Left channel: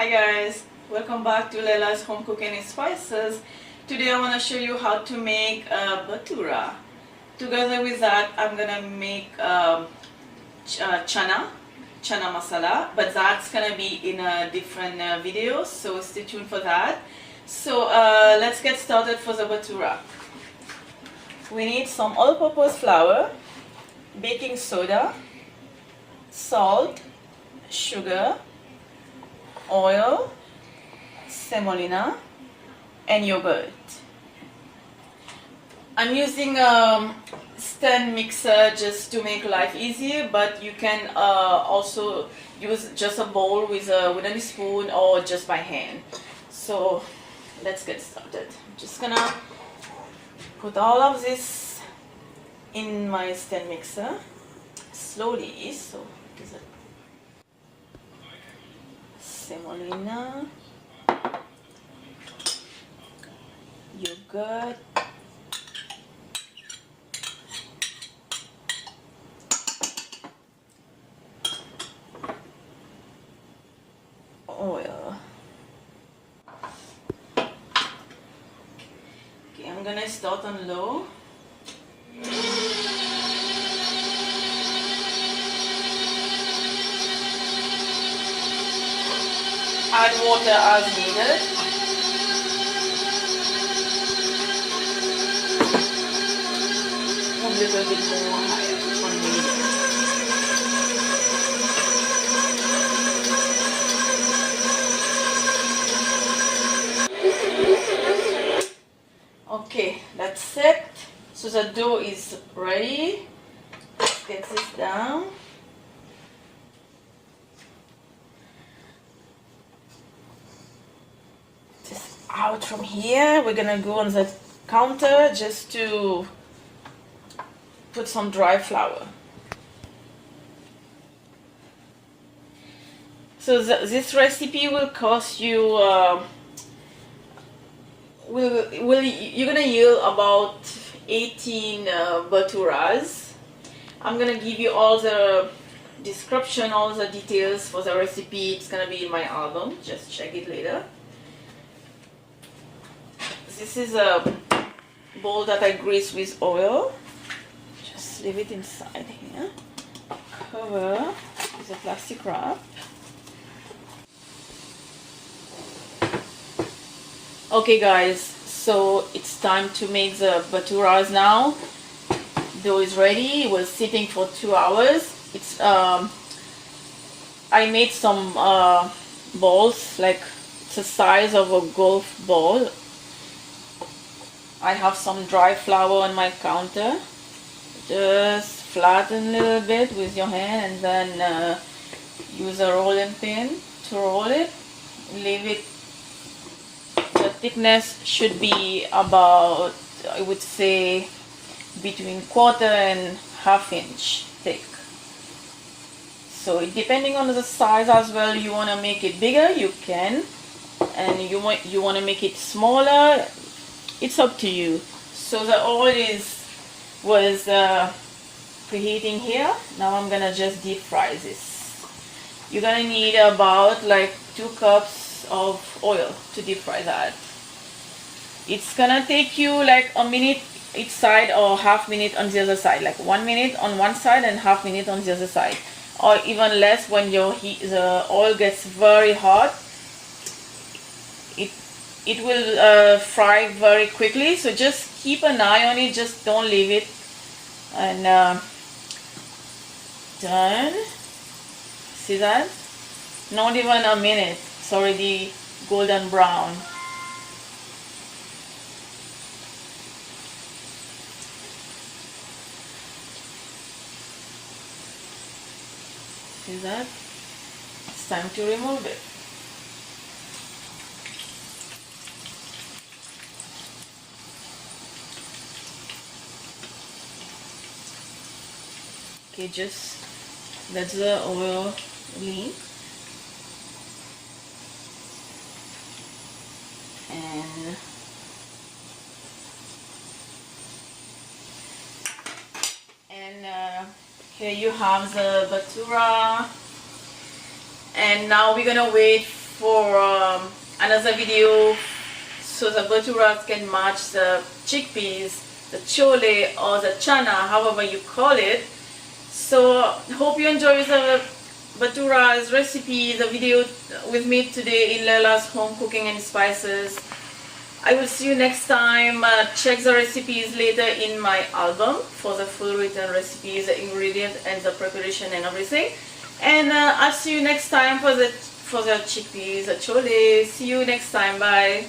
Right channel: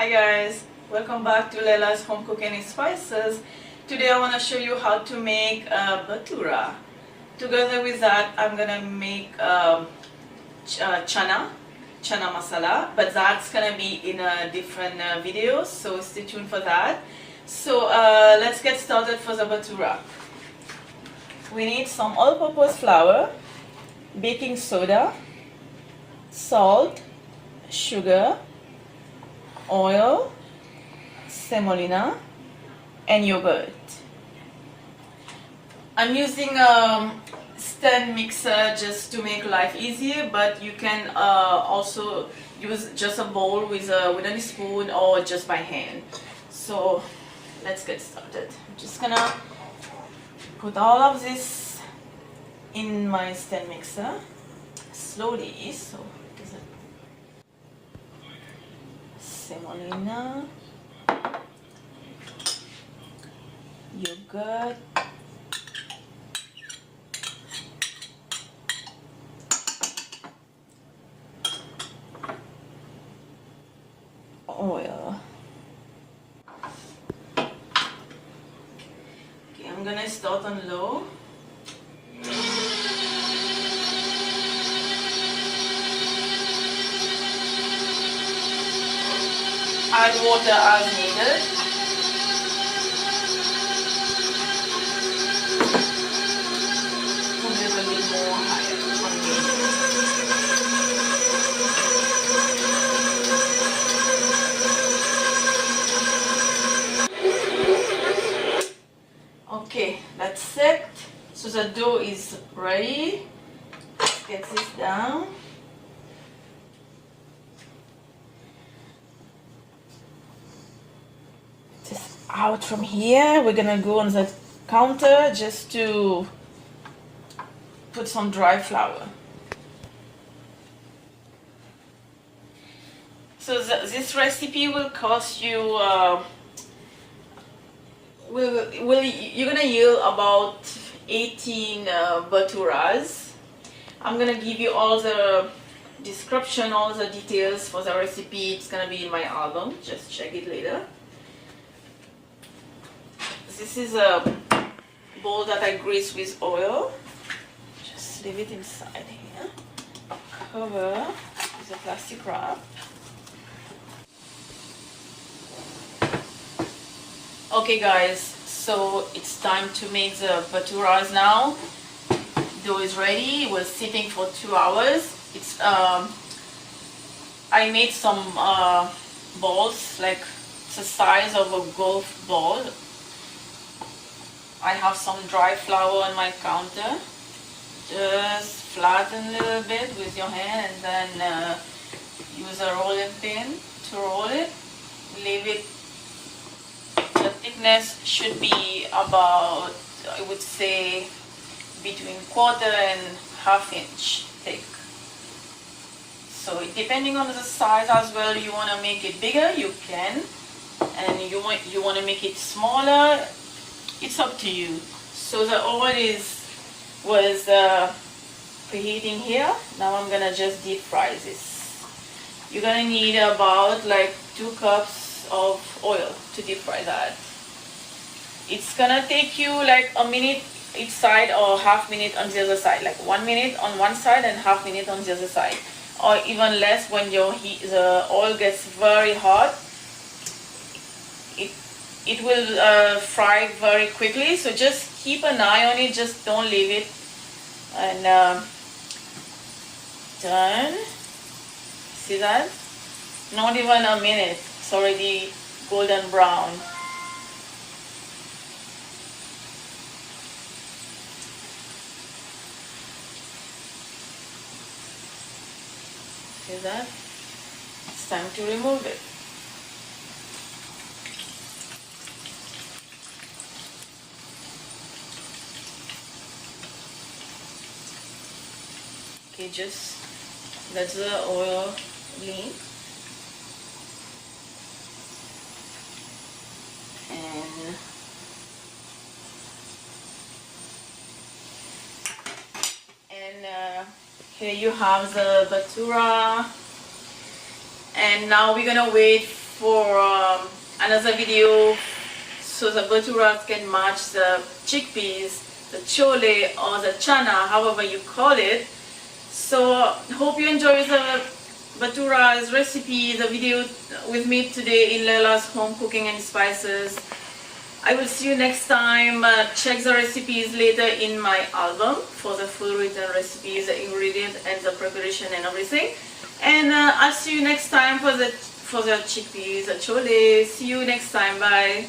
Hi guys, welcome back to Laila's Home Cooking and Spices. Today I want to show you how to make Bhatura. Together with that I'm gonna make chana masala, but that's gonna be in a different video, so stay tuned for that. So let's get started for the Bhatura. We need some all-purpose flour, baking soda, salt, sugar, oil, semolina, and yogurt. I'm using a stand mixer just to make life easier, but you can also use just a bowl with a spoon or just by hand. So let's get started. I'm just gonna put all of this in my stand mixer slowly, so because semolina, yogurt, oil. Okay, I'm gonna start on low. Add water as needed. Probably a little bit more higher on medium. Okay, that's it. So the dough is ready. Let's get this down. Out from here, we're gonna go on the counter just to put some dry flour. So this recipe will cost you you're gonna yield about 18 bhaturas. I'm gonna give you all the description, all the details for the recipe. It's gonna be in my album, just check it later. This is a bowl that I grease with oil. Just leave it inside here. Cover with a plastic wrap. Okay guys, so it's time to make the bhaturas now. Dough is ready. It was sitting for 2 hours. It's I made some balls like the size of a golf ball. I have some dry flour on my counter. Just flatten a little bit with your hand and then use a rolling pin to roll it. Leave it. The thickness should be about, I would say, between 1/4 and 1/2 inch thick. So depending on the size as well, you want to make it bigger, you can, and you want to make it smaller. It's up to you. So the oil was preheating here. Now I'm gonna just deep fry this. You're gonna need about like 2 cups of oil to deep fry that. It's gonna take you like a minute each side or 1/2 minute on the other side, like 1 minute on one side and 1/2 minute on the other side, or even less when the oil gets very hot. It will fry very quickly, so just keep an eye on it, just don't leave it. And done. See that? Not even a minute, it's already golden brown. See that? It's time to remove it. Okay, just let the oil leave. And here you have the Bhatura, and now we're gonna wait for another video so the bhaturas can match the chickpeas, the chole or the chana, however you call it. So hope you enjoy the bhatura's recipe, the video with me today in Laila's home cooking and spices. I will see you next time. Check the recipes later in my album for the full written recipes, the ingredients and the preparation and everything. And I'll see you next time for the chickpeas, the chole. See you next time. Bye.